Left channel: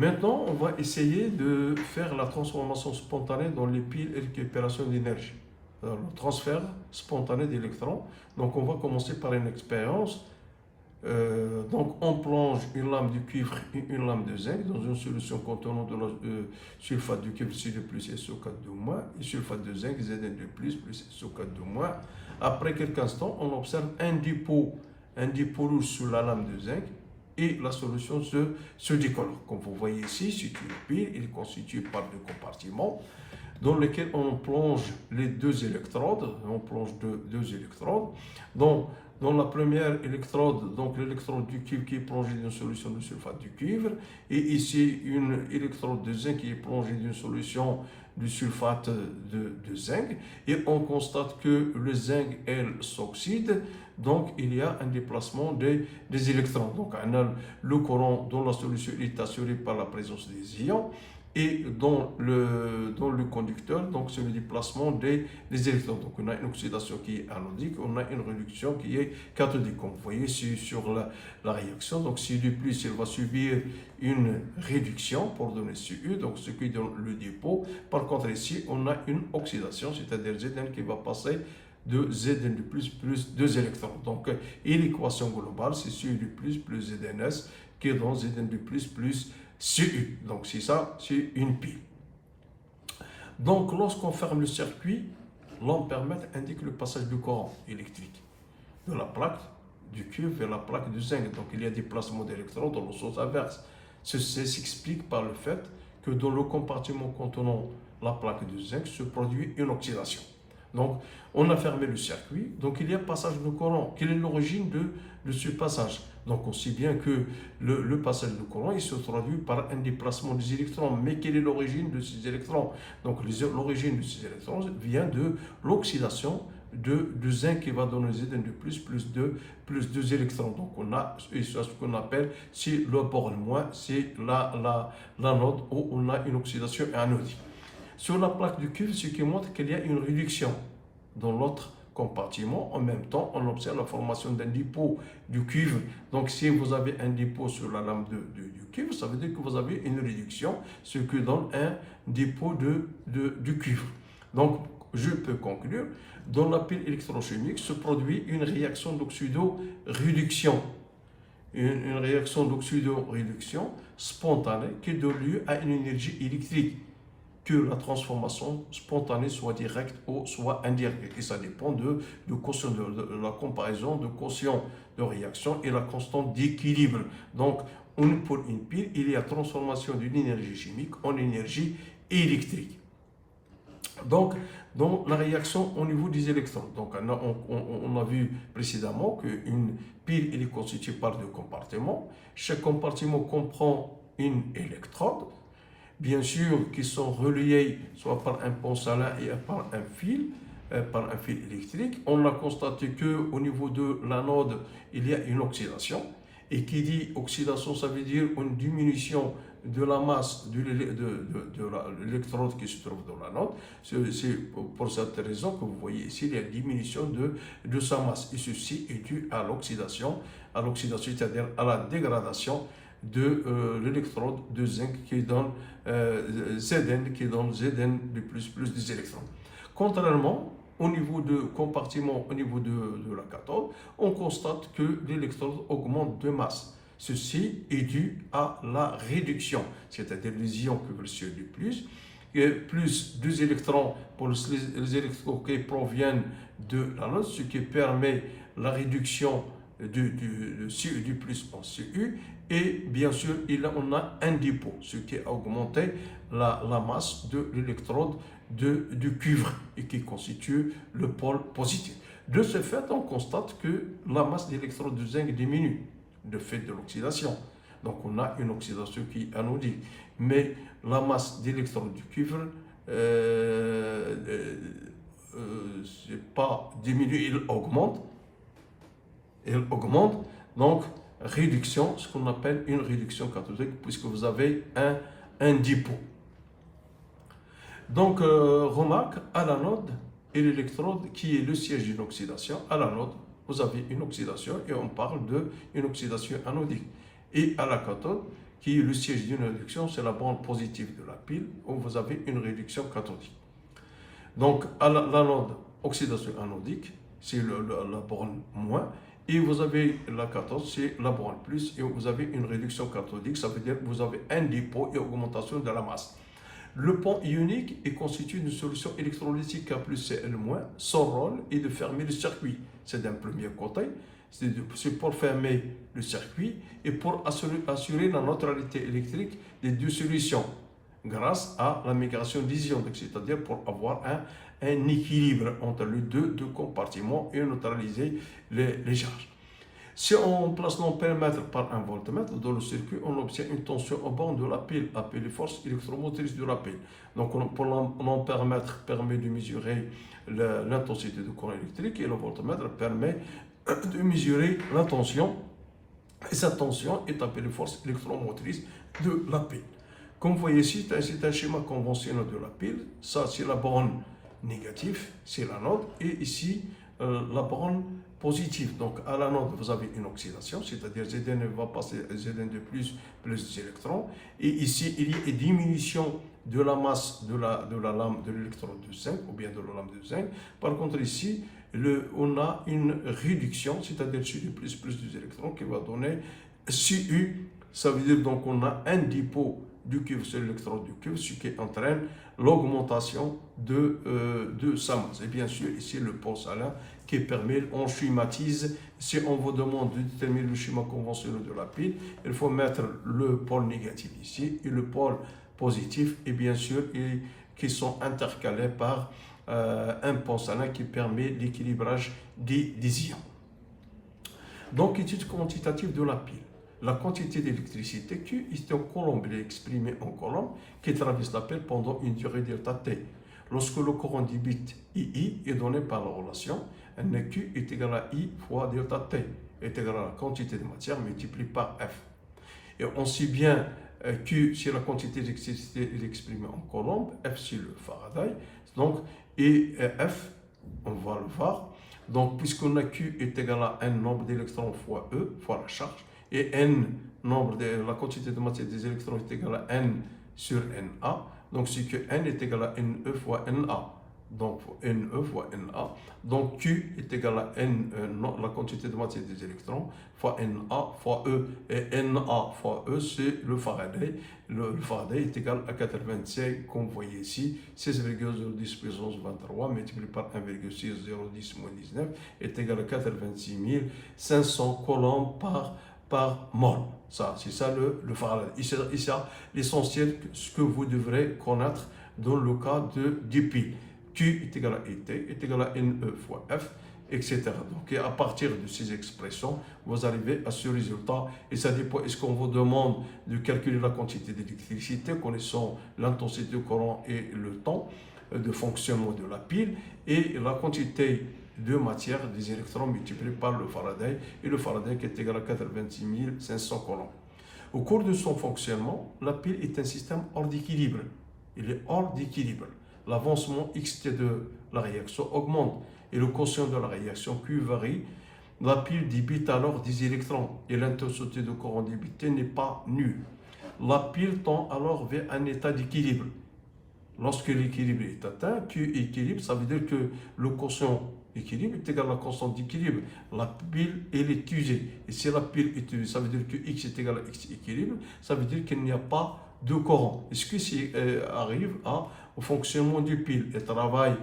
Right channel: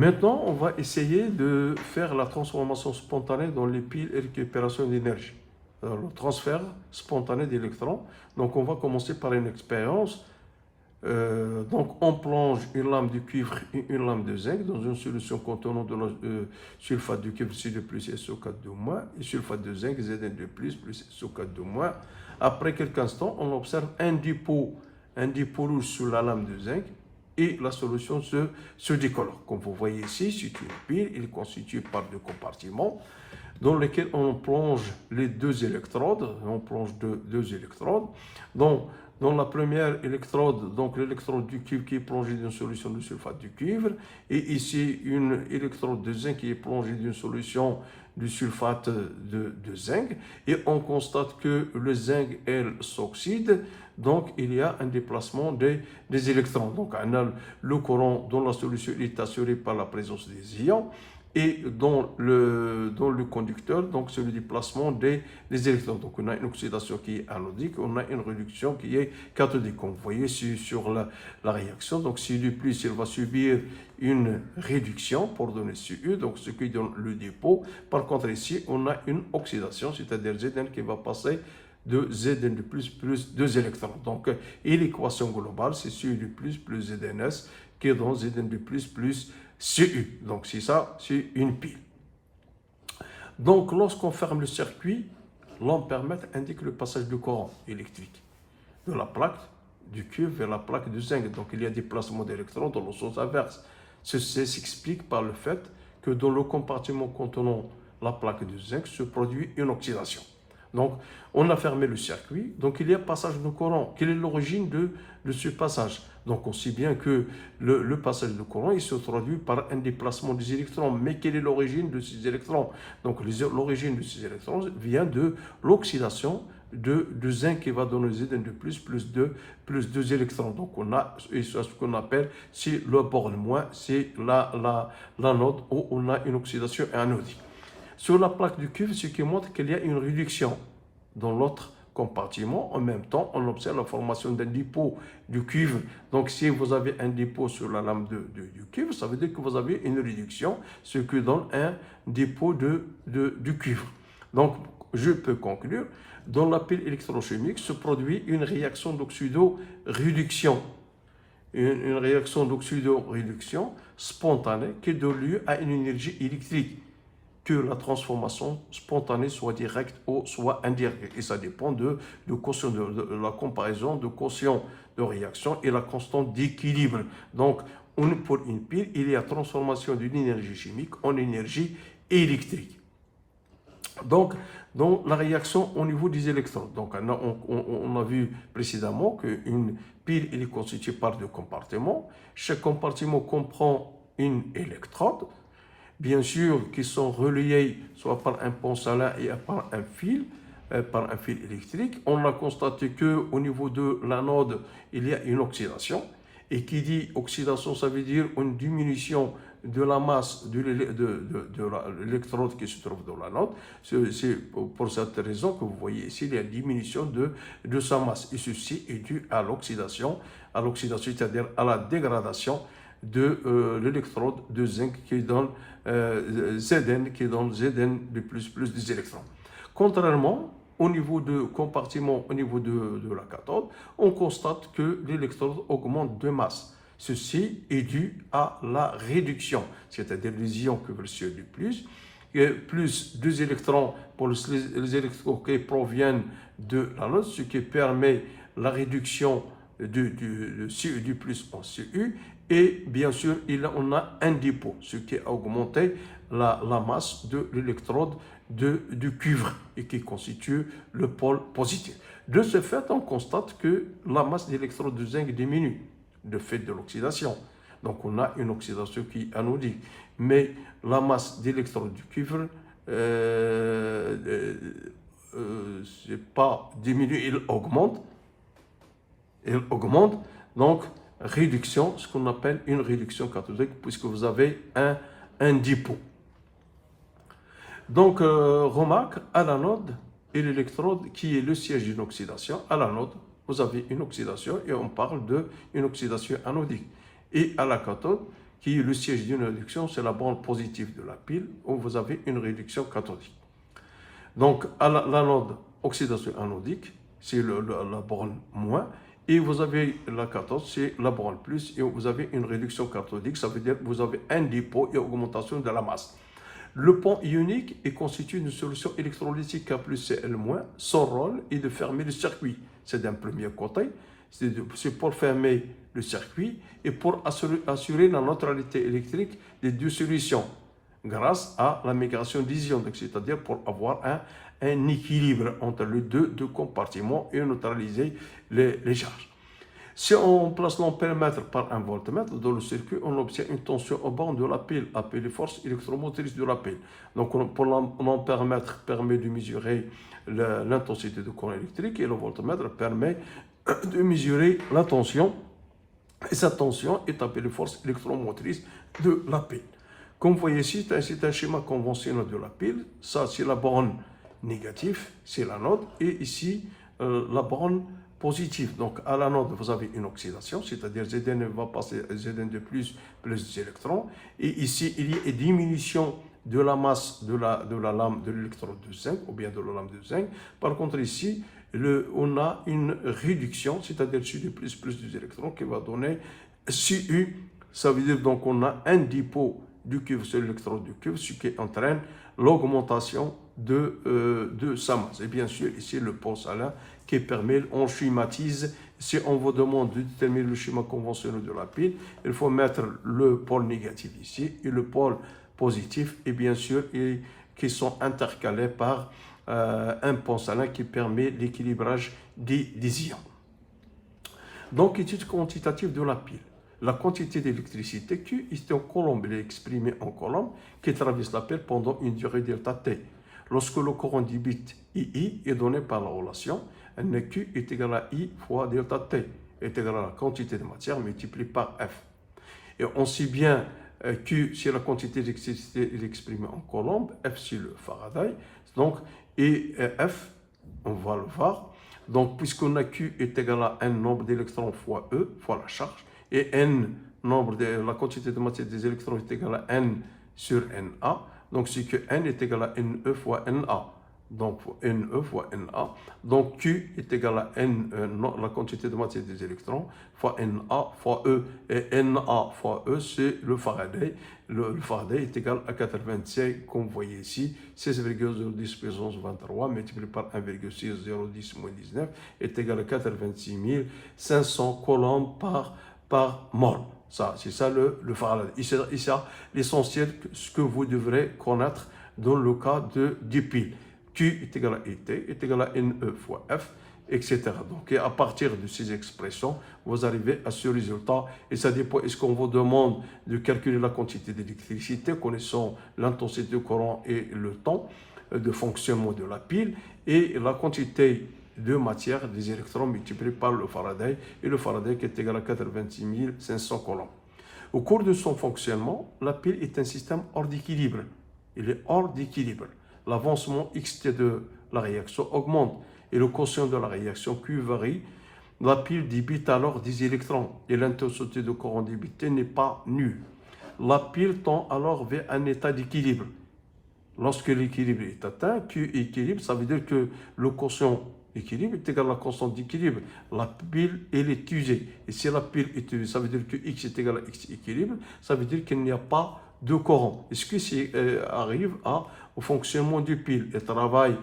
Maintenant, on va essayer de faire la transformation spontanée dans les piles et récupération d'énergie. Le transfert spontané d'électrons. Donc, on va commencer par une expérience. Donc, on plonge une lame de cuivre et une lame de zinc dans une solution contenant de la sulfate de cuivre Cu2 plus et SO4 et sulfate de zinc Zn2 plus SO4 Après quelques instants, on observe un dépôt rouge sur la lame de zinc et la solution se décolore. Comme vous voyez ici, c'est une pile, il est constitué par deux compartiments dans lesquels on plonge les deux électrodes. On plonge deux électrodes. Donc, dans la première électrode, donc l'électrode du cuivre qui est plongée dans une solution de sulfate de cuivre, et ici une électrode de zinc qui est plongée dans une solution du sulfate de zinc, et on constate que le zinc, elle, s'oxyde, donc il y a un déplacement des électrons. Donc on a le courant dans la solution est assuré par la présence des ions, et dans le conducteur, donc c'est le déplacement des électrons. Donc on a une oxydation qui est anodique, on a une réduction qui est cathodique. Comme vous voyez sur la réaction, donc Cu plus il va subir une réduction pour donner Cu, donc ce qui donne le dépôt. Par contre ici, on a une oxydation, c'est-à-dire Zn qui va passer de Zn de plus 2 électrons. Donc, et l'équation globale, c'est Cu plus Zns qui donne Zn de plus Cu. Donc, c'est ça, c'est une pile. Donc, lorsqu'on ferme le circuit, l'ampèremètre indique le passage du courant électrique de la plaque du cuivre vers la plaque du zinc. Donc, il y a des placements d'électrons dans le sens inverse. Ceci s'explique par le fait que dans le compartiment contenant la plaque du zinc se produit une oxydation. Donc, on a fermé le circuit, donc il y a passage de courant. Quelle est l'origine de ce passage? Donc, on sait bien que le passage de courant, il se traduit par un déplacement des électrons. Mais quelle est l'origine de ces électrons? Donc, l'origine de ces électrons vient de l'oxydation de zinc qui va donner Zn de plus 2 électrons. Donc, on a ce qu'on appelle, c'est le bord moins, c'est l'anode où on a une oxydation anodique. Sur la plaque du cuivre, ce qui montre qu'il y a une réduction dans l'autre compartiment. En même temps, on observe la formation d'un dépôt du cuivre. Donc, si vous avez un dépôt sur la lame du cuivre, ça veut dire que vous avez une réduction, ce qui donne un dépôt du cuivre. Donc, je peux conclure, dans la pile électrochimique se produit une réaction d'oxydo-réduction. Une réaction d'oxydo-réduction spontanée qui donne lieu à une énergie électrique. Que la transformation spontanée soit directe ou soit indirecte. Et ça dépend de la comparaison de quotient de réaction et la constante d'équilibre. Donc, pour une pile, il y a transformation d'une énergie chimique en énergie électrique. Donc, dans la réaction au niveau des électrons. Donc, on a vu précédemment qu'une pile est constituée par deux compartiments. Chaque compartiment comprend une électrode, bien sûr, qui sont reliés soit par un pont salin et par un fil électrique. On a constaté qu'au niveau de l'anode, il y a une oxydation. Et qui dit oxydation, ça veut dire une diminution de la masse de l'électrode qui se trouve dans l'anode. C'est pour cette raison que vous voyez ici, il y a une diminution de sa masse. Et ceci est dû à l'oxydation, c'est-à-dire à la dégradation de l'électrode de zinc qui donne Zn, de plus des électrons. Contrairement au niveau de compartiment, au niveau de la cathode, on constate que l'électrode augmente de masse. Ceci est dû à la réduction, c'est-à-dire les ions que veulent Cu du plus 2 électrons pour les électrons qui proviennent de l'anode, ce qui permet la réduction du Cu du plus en Cu, et bien sûr on a un dépôt, ce qui a augmenté la masse de l'électrode du cuivre et qui constitue le pôle positif. De ce fait, on constate que la masse d'électrode de zinc diminue de fait de l'oxydation. Donc on a une oxydation qui est anodique, mais la masse d'électrode du cuivre c'est pas diminué, il augmente. Donc réduction, ce qu'on appelle une réduction cathodique, puisque vous avez un dépôt. Donc remarque, à l'anode et l'électrode qui est le siège d'une oxydation, à l'anode vous avez une oxydation et on parle d'une oxydation anodique. Et à la cathode qui est le siège d'une réduction, c'est la borne positive de la pile, où vous avez une réduction cathodique. Donc, à l'anode, oxydation anodique, c'est la borne moins, et vous avez la cathode, c'est la borne plus, et vous avez une réduction cathodique, ça veut dire que vous avez un dépôt et augmentation de la masse. Le pont ionique est constitué d'une solution électrolytique K plus Cl-. Son rôle est de fermer le circuit. C'est d'un premier côté, c'est pour fermer le circuit et pour assurer la neutralité électrique des deux solutions grâce à la migration d'ions, c'est-à-dire pour avoir un équilibre entre les deux compartiments et neutraliser les charges. Si on place l'ampèremètre par un voltmètre dans le circuit, on obtient une tension au banc de la pile, appelée force électromotrice de la pile. Donc, pour l'ampèremètre permet de mesurer l'intensité du courant électrique et le voltmètre permet de mesurer la tension. Et cette tension est appelée force électromotrice de la pile. Comme vous voyez ici, c'est un schéma conventionnel de la pile. Ça, c'est la borne négative, c'est l'anode. Et ici, la borne positive. Donc, à l'anode, vous avez une oxydation, c'est-à-dire Zn va passer Zn de plus des électrons. Et ici, il y a une diminution de la masse de la lame de l'électrode de zinc, ou bien de la lame de zinc. Par contre, ici, on a une réduction, c'est-à-dire Cu de plus des électrons, qui va donner Cu. Ça veut dire donc on a un dépôt du cuivre sur l'électrode du cuivre, ce qui entraîne l'augmentation de sa masse. Et bien sûr, ici, le pôle salin qui permet, on schématise. Si on vous demande de déterminer le schéma conventionnel de la pile, il faut mettre le pôle négatif ici et le pôle positif, et bien sûr, qui sont intercalés par un pôle salin qui permet l'équilibrage des ions. Donc, étude quantitative de la pile. La quantité d'électricité Q est en coulomb, elle est exprimée en coulomb, qui traverse la pile pendant une durée delta T. Lorsque le courant du bit II est donné par la relation, NQ est égal à I fois delta T, est égal à la quantité de matière multipliée par F. Et on sait bien Q, c'est la quantité d'électricité exprimée en coulomb, F, c'est le Faraday, donc, et F, on va le voir. Donc, puisqu'on a Q est égal à n nombre d'électrons fois E, fois la charge, et n, la quantité de matière des électrons est égale à n sur Na. Donc, c'est que n est égal à Ne fois Na. Donc, Ne fois Na. Donc, Q est égal à n, la quantité de matière des électrons, fois Na fois E. Et Na fois E, c'est le Faraday. Le Faraday est égal à 85, comme vous voyez ici, 16,010 puissance 23 multiplié par 1,6010 moins 19 est égal à 86 500 coulombs par mol. Ça, c'est ça le Faraday. Et c'est ça l'essentiel, ce que vous devrez connaître dans le cas du pile. Q est égal à ET, est égal à Ne fois F, etc. Donc, à partir de ces expressions, vous arrivez à ce résultat. Et ça dépend, est-ce qu'on vous demande de calculer la quantité d'électricité, connaissant l'intensité du courant et le temps de fonctionnement de la pile, et la quantité de matière des électrons multipliés par le Faraday, et le Faraday qui est égal à 86 500 coulombs. Au cours de son fonctionnement, la pile est un système hors d'équilibre. Il est hors d'équilibre. L'avancement xt de la réaction augmente et le quotient de la réaction Q varie. La pile débite alors des électrons et l'intensité de courant débité n'est pas nulle. La pile tend alors vers un état d'équilibre. Lorsque l'équilibre est atteint, Q équilibre, ça veut dire que le quotient équilibre est égal à la constante d'équilibre. La pile, elle est usée. Et si la pile est usée, ça veut dire que X est égal à X équilibre, ça veut dire qu'il n'y a pas de courant. Et ce qui arrive au fonctionnement du pile, elle travaille,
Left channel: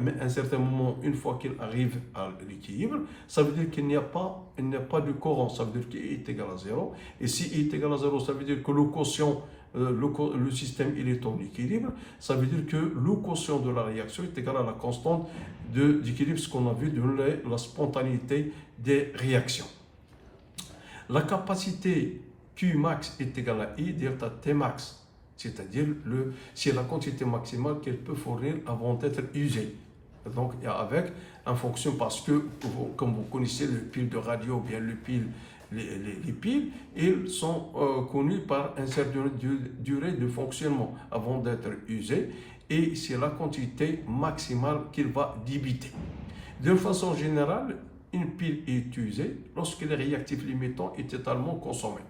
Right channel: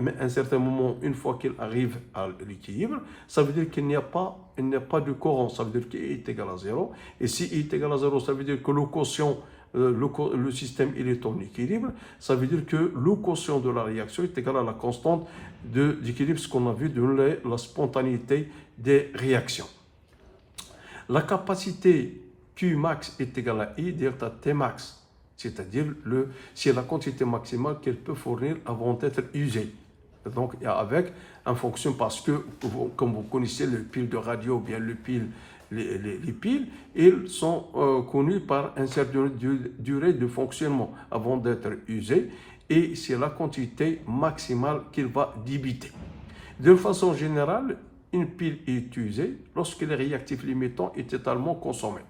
mais à un certain moment, une fois qu'il arrive à l'équilibre, ça veut dire qu'il n'y a pas de courant, ça veut dire qu'il est égal à 0. Et si il est égal à 0, ça veut dire que le quotient, le système il est en équilibre, ça veut dire que le quotient de la réaction est égal à la constante d'équilibre, ce qu'on a vu dans la spontanéité des réactions. La capacité Q max est égale à I delta T max, c'est-à-dire c'est la quantité maximale qu'elle peut fournir avant d'être usée. Donc, avec en fonction, parce que, comme vous connaissez le pile de radio, ou bien les piles, ils sont connus par une certaine durée de fonctionnement avant d'être usés, et c'est la quantité maximale qu'il va débiter. De façon générale, une pile est usée lorsque le réactif limitant est totalement consommé.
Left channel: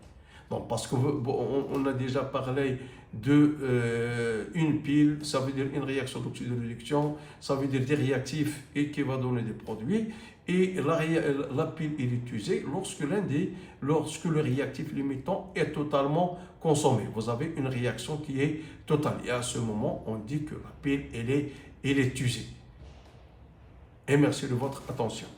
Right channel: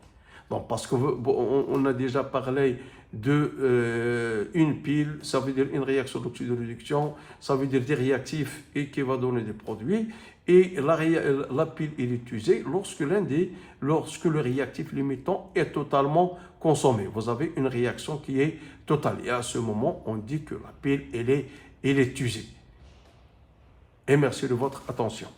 Donc, parce qu'on a déjà parlé de une pile, ça veut dire une réaction d'oxydoréduction, ça veut dire des réactifs et qui va donner des produits. Et la pile est utilisée lorsque le réactif limitant est totalement consommé. Vous avez une réaction qui est totale. Et à ce moment, on dit que la pile elle est usée. Et merci de votre attention.